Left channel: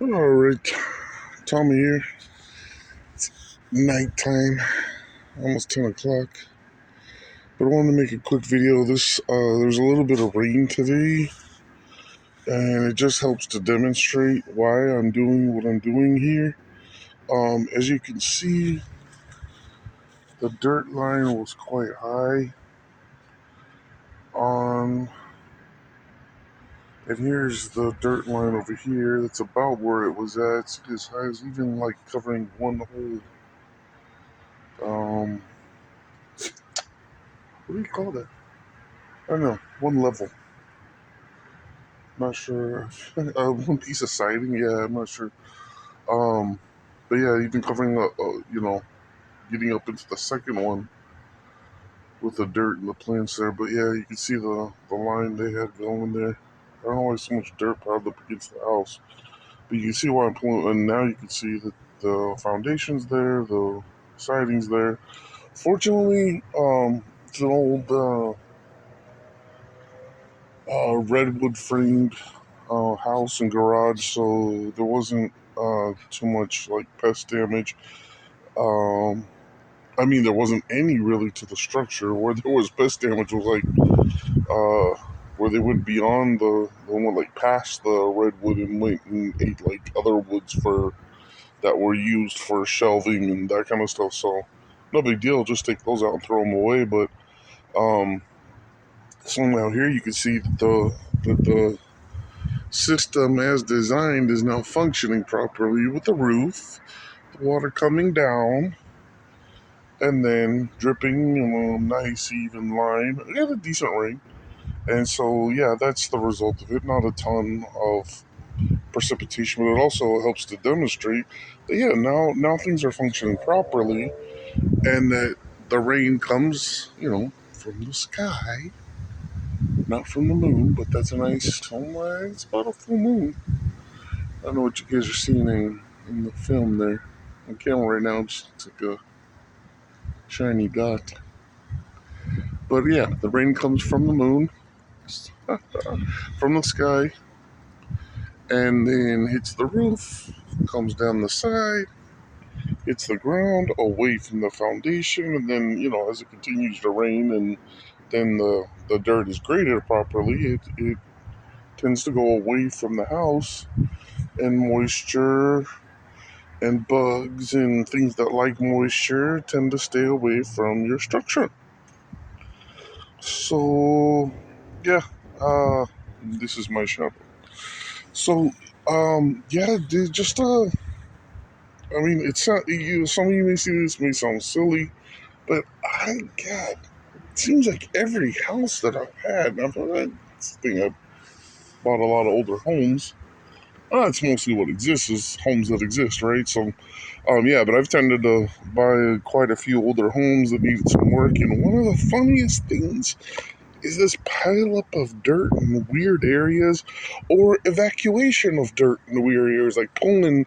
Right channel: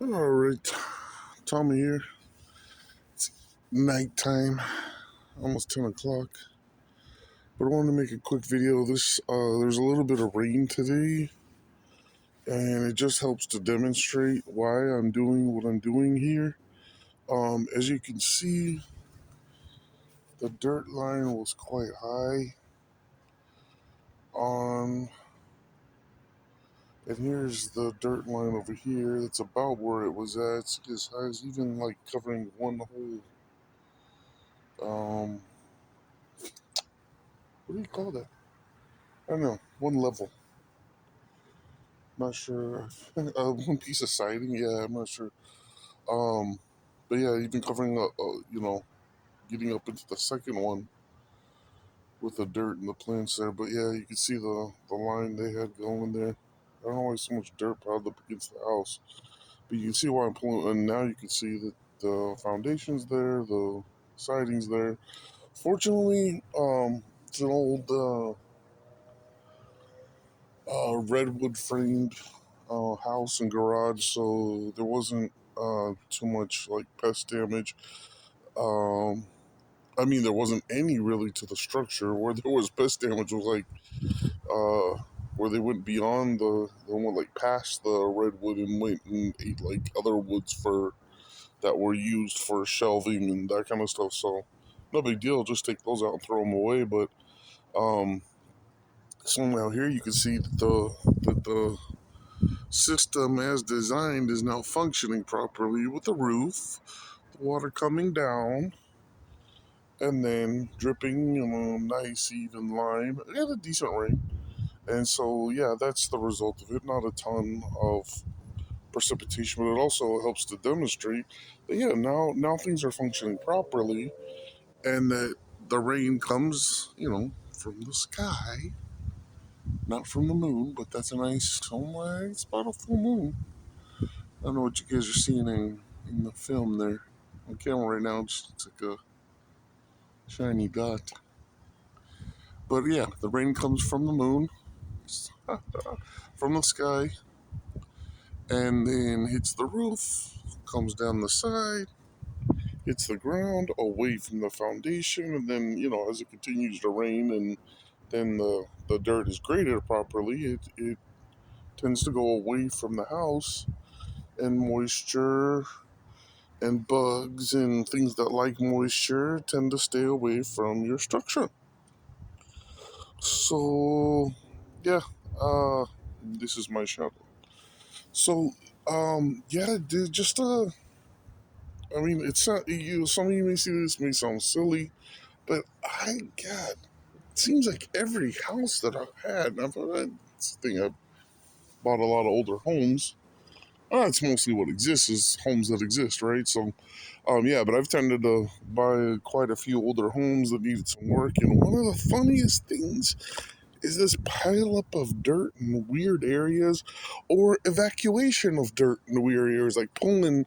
All right, Tommy here. It's nighttime, almost 10 o'clock. But I wanted to make a quick video. There's a little bit of rain today, and it just helps to demonstrate why I'm doing what I'm doing here. As you can see, the dirt line was quite high on, and here's the dirt line over here. That's about where it was at. It's as high as even like covering one whole, what do you call that? I don't know, one level. Not sure. One piece of siding. Yeah, I'm not sure. Um, but yeah, even covering getting up into the second one with the dirt and the plants there. But yeah, you can see the line they had going there. I don't know why so much dirt piled up against the house, but you can see why I'm pulling. And now you can see that the foundation's there, the siding's there. Fortunately, it's an old redwood framed house and garage, so there wasn't too much like pest damage. Um, I mean, there wasn't any really to the structure. Where there was pest damage was like where they went beyond the one like past the redwood and went and ate like other woods for that were used for shelving and that kind of stuff. So no big deal. Just take those out and throw them away. But um, somehow here you can see that the system as designed is now functioning properly with the roof, the water coming down, and then dripping in a nice even line. We had a decent rain. And so, yeah, that's the result of it. Not a ton of precipitation, but it also helps to demonstrate that, yeah, now things are functioning properly and that the rain comes, from the sky, not from the moon, but that's a nice, it's about a full moon. I don't know what you guys are seeing in the film there. On camera right now, it just looks like a shiny dot. But yeah, the rain comes from the moon, from the sky, and then hits the roof, comes down the side, hits the ground away from the foundation, and then, as it continues to rain and then the dirt is graded properly, it tends to go away from the house, and moisture and bugs and things that like moisture tend to stay away from your structure. So, yeah, uh, this is my shop. So, yeah, just I mean, it's not you. Some of you may see this may sound silly, but God, it seems like every house that I've had, I've bought a lot of older homes. That's mostly what exists is homes that exist, right? So, yeah, but I've tended to buy quite a few older homes that needed some work. And one of the funniest things is this pileup of dirt in weird areas or evacuation of dirt in weird areas, like pulling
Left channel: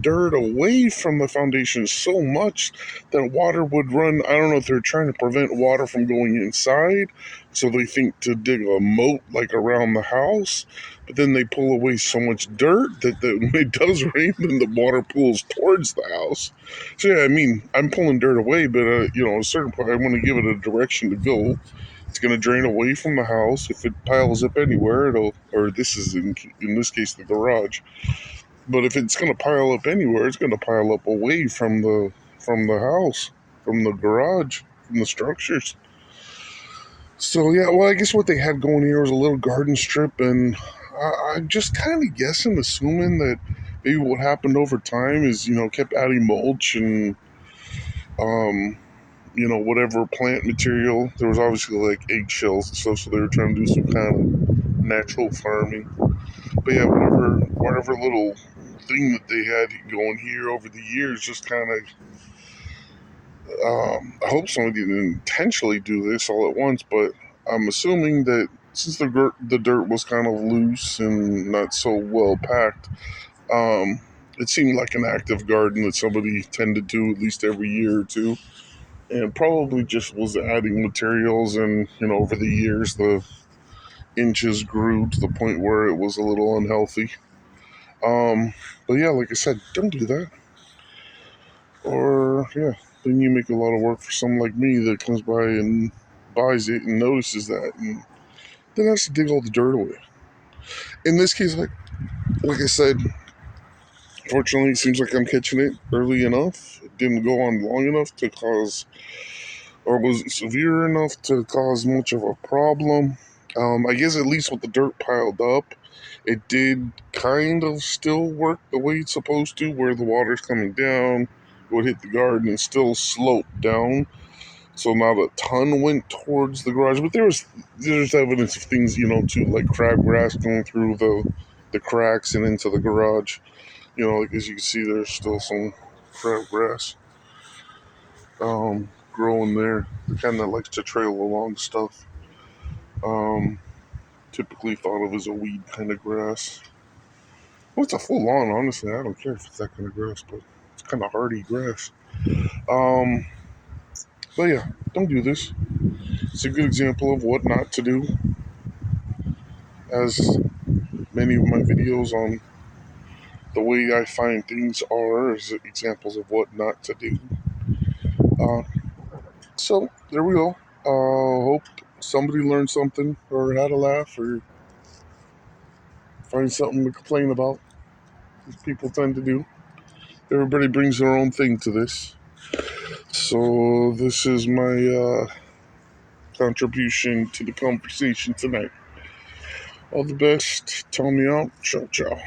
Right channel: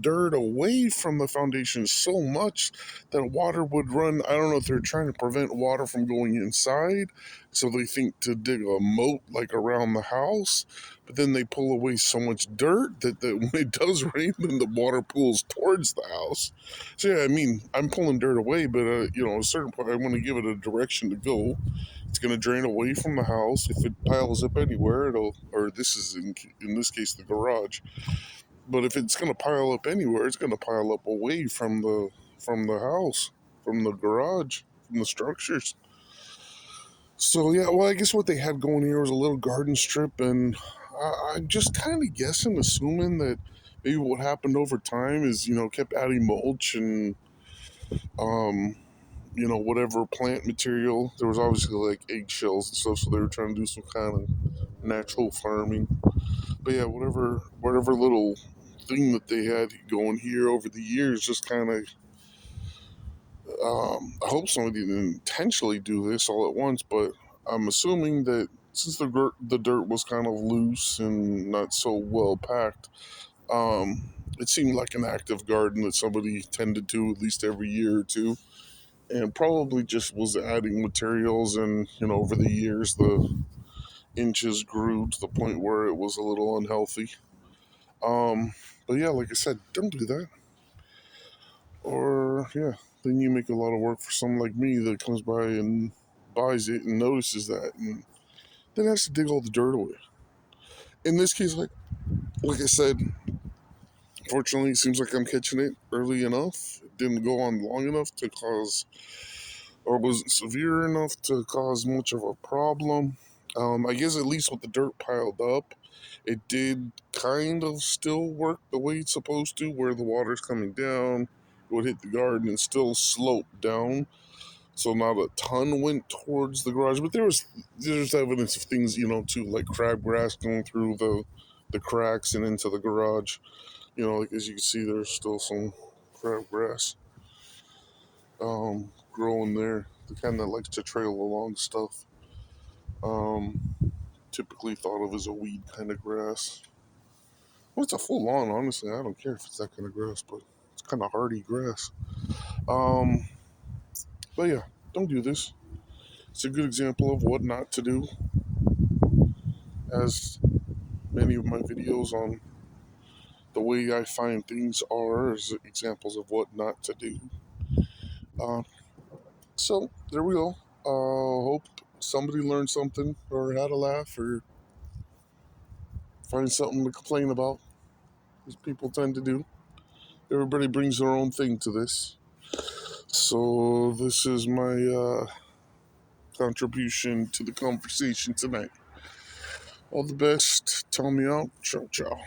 dirt away from the foundation so much that water would run. I don't know if they're trying to prevent water from going inside, so they think to dig a moat like around the house, but then they pull away so much dirt that when it does rain, then the water pools towards the house. So yeah, I mean, I'm pulling dirt away, but at a certain point, I want to give it a direction to go. It's going to drain away from the house. If it piles up anywhere, or this is in this case the garage. But if it's going to pile up anywhere, it's going to pile up away from the house, from the garage, from the structures. So yeah, well, I guess what they had going here was a little garden strip, and I'm just kind of guessing, assuming that maybe what happened over time is kept adding mulch and um whatever plant material. There was obviously like eggshells and stuff, so they were trying to do some kind of natural farming. But yeah, whatever little thing that they had going here over the years just kind of. I hope somebody didn't intentionally do this all at once, but I'm assuming that since the dirt was kind of loose and not so well packed, um, it seemed like an active garden that somebody tended to at least every year or two, and probably just was adding materials. And over the years the inches grew to the point where it was a little unhealthy. Um, but yeah, like I said, don't do that. Or yeah, then you make a lot of work for someone like me that comes by and buys it and notices that, and then has to dig all the dirt away. In this case, like I said, fortunately, it seems like I'm catching it early enough. It didn't go on long enough to cause, or wasn't severe enough to cause much of a problem. I guess at least with the dirt piled up, it did kind of still work the way it's supposed to, where the water's coming down, it would hit the garden and still slope down. So not a ton went towards the garage, but there's evidence of things, too, like crabgrass going through the cracks and into the garage. Like as you can see, there's still some crabgrass growing there. The kind that likes to trail along stuff. Um, Typically thought of as a weed kind of grass. Well, it's a full lawn, honestly. I don't care if it's that kind of grass, but it's kind of hardy grass. Um, but yeah, don't do this. It's a good example of what not to do, as many of my videos on the way I find things are as examples of what not to do. Uh, so there we go. Hope somebody learned something or had a laugh or find something to complain about, as people tend to do. Everybody brings their own thing to this. So this is my contribution to the conversation tonight. All the best. Tell me out. Ciao, ciao.